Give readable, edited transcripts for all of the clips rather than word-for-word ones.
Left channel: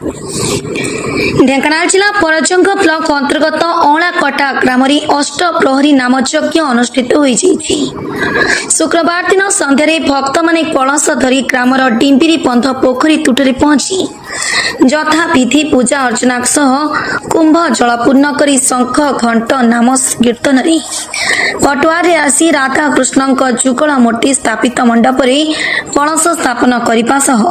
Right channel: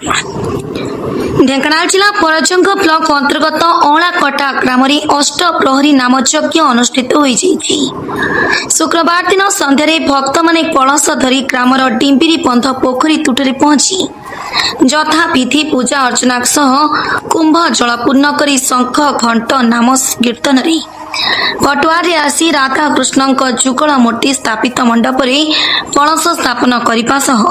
ढेंकानाल जिला परजंग ब्लॉक अंतर्गत अलाकटा ग्राम अष्टप्रहरी नामयज्ञ अनुष्ठित होईଯାଇଛି। शुक्रवार दिन संध्यारे भक्त माने कलश धरी ग्रामर डिंबिरी बंध पोखरी तुठरे पहुंची यथा विधि पूजा अर्चना सह कुंभ जल पूर्ण करी शंख घंट नाम कीर्तन रे पटुआरे आसी राधा कृष्ण जुगल मूर्ति स्थापित मंडप रे कलश स्थापन करने सह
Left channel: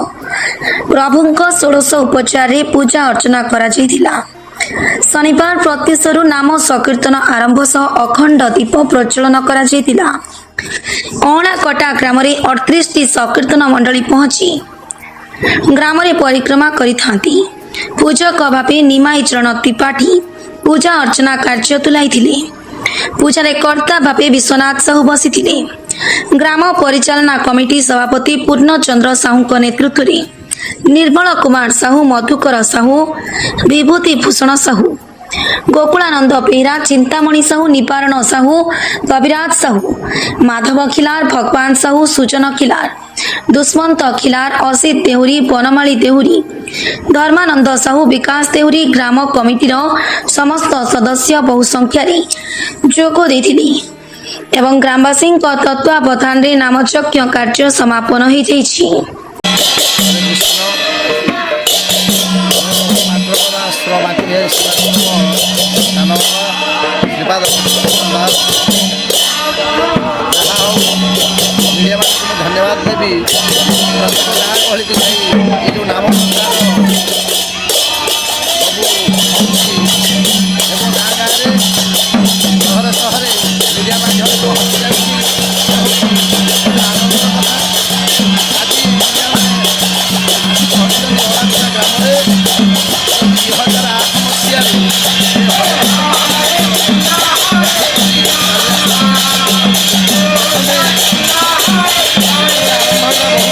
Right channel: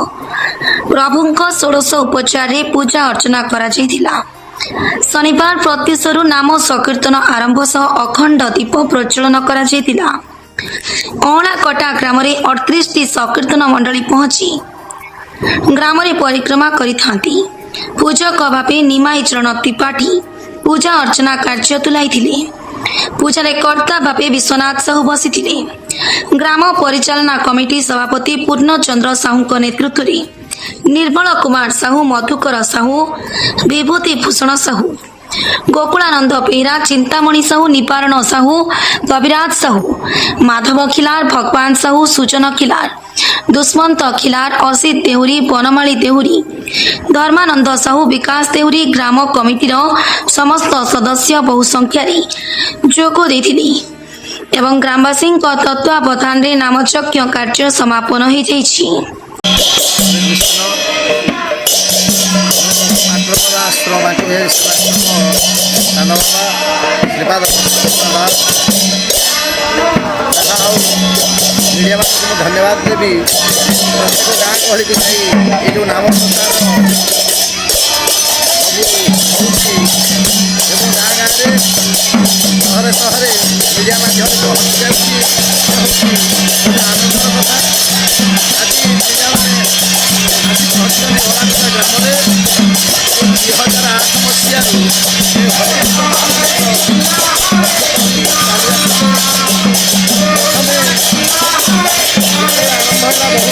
प्रभुंक 16 उपचार रे पूजा अर्चना करा जायतिला। शनिवार प्रत्युषरु नाम संकीर्तन आरंभ सह अखंड दीप प्रज्वलन करा जायतिला। अलाकटा ग्राम 38 टी संकीर्तन मंडली पहुंची ग्राम परिक्रमा करिथांती। पूजक भावे निमाई चरण त्रिपाठी पूजा अर्चना कार्य तुलाइथिले। पूजारे कर्ता भावे विश्वनाथ साहू बसिथिले। ग्राम परिचालना कमिटी सभापति पूर्णचंद्र साहू नेतृत्व में निर्मल कुमार साहू, मधुकर साहू, विभूति भूषण साहू, गोकुलानंद बेहरा, चिंतामणि साहू, निपारण साहू, कविराज साहू, माधव खिलार, भगवान साहू, सुजन खिलार, दुष्मंत खिलार, असित देहुरी, बनमाली देहुरी, धर्मानंद साहू, विकास देहुरी ग्राम कमिटीर समस्त सदस्य बहु संख्यार जोग देथिले एवं ग्रामवासी तत्वावधान रे नामयज्ञ कार्य समापन हो जाइछि। धन्यवाद देवी प्रत्येक गाँ गहली की जाई ये जो नाम प्रचार सब गाँ गाँव सहरे सहरे मीडिया माध्यम पहुँची जाए आनंदर कथा आज मीडिया मैंने आज पहुँचते अलाकटा ग्राम 2008 मसीह हरिकृष्ण प्रथमे आरंभ है बहुत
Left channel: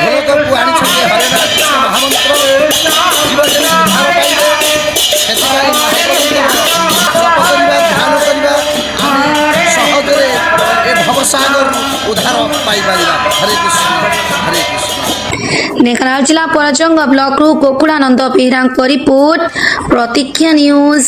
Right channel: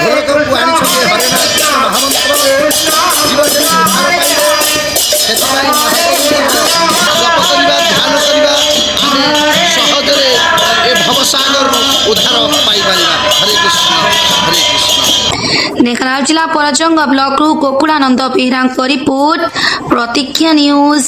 ढोलक को आनी हरेनाथ कृष्ण महामंत्र जीव जमी उद्धार पाइबे से महाप्रभु जप करवा ध्यान करवा आम सहजरे ए भवसागर उद्धार पाइपर। हरे कृष्ण हरे कृष्ण। ढेंकानाल जिला परजंग ब्लॉक गोकुलानंद बेहरा रिपोर्ट प्रतीक्षा न्यूज।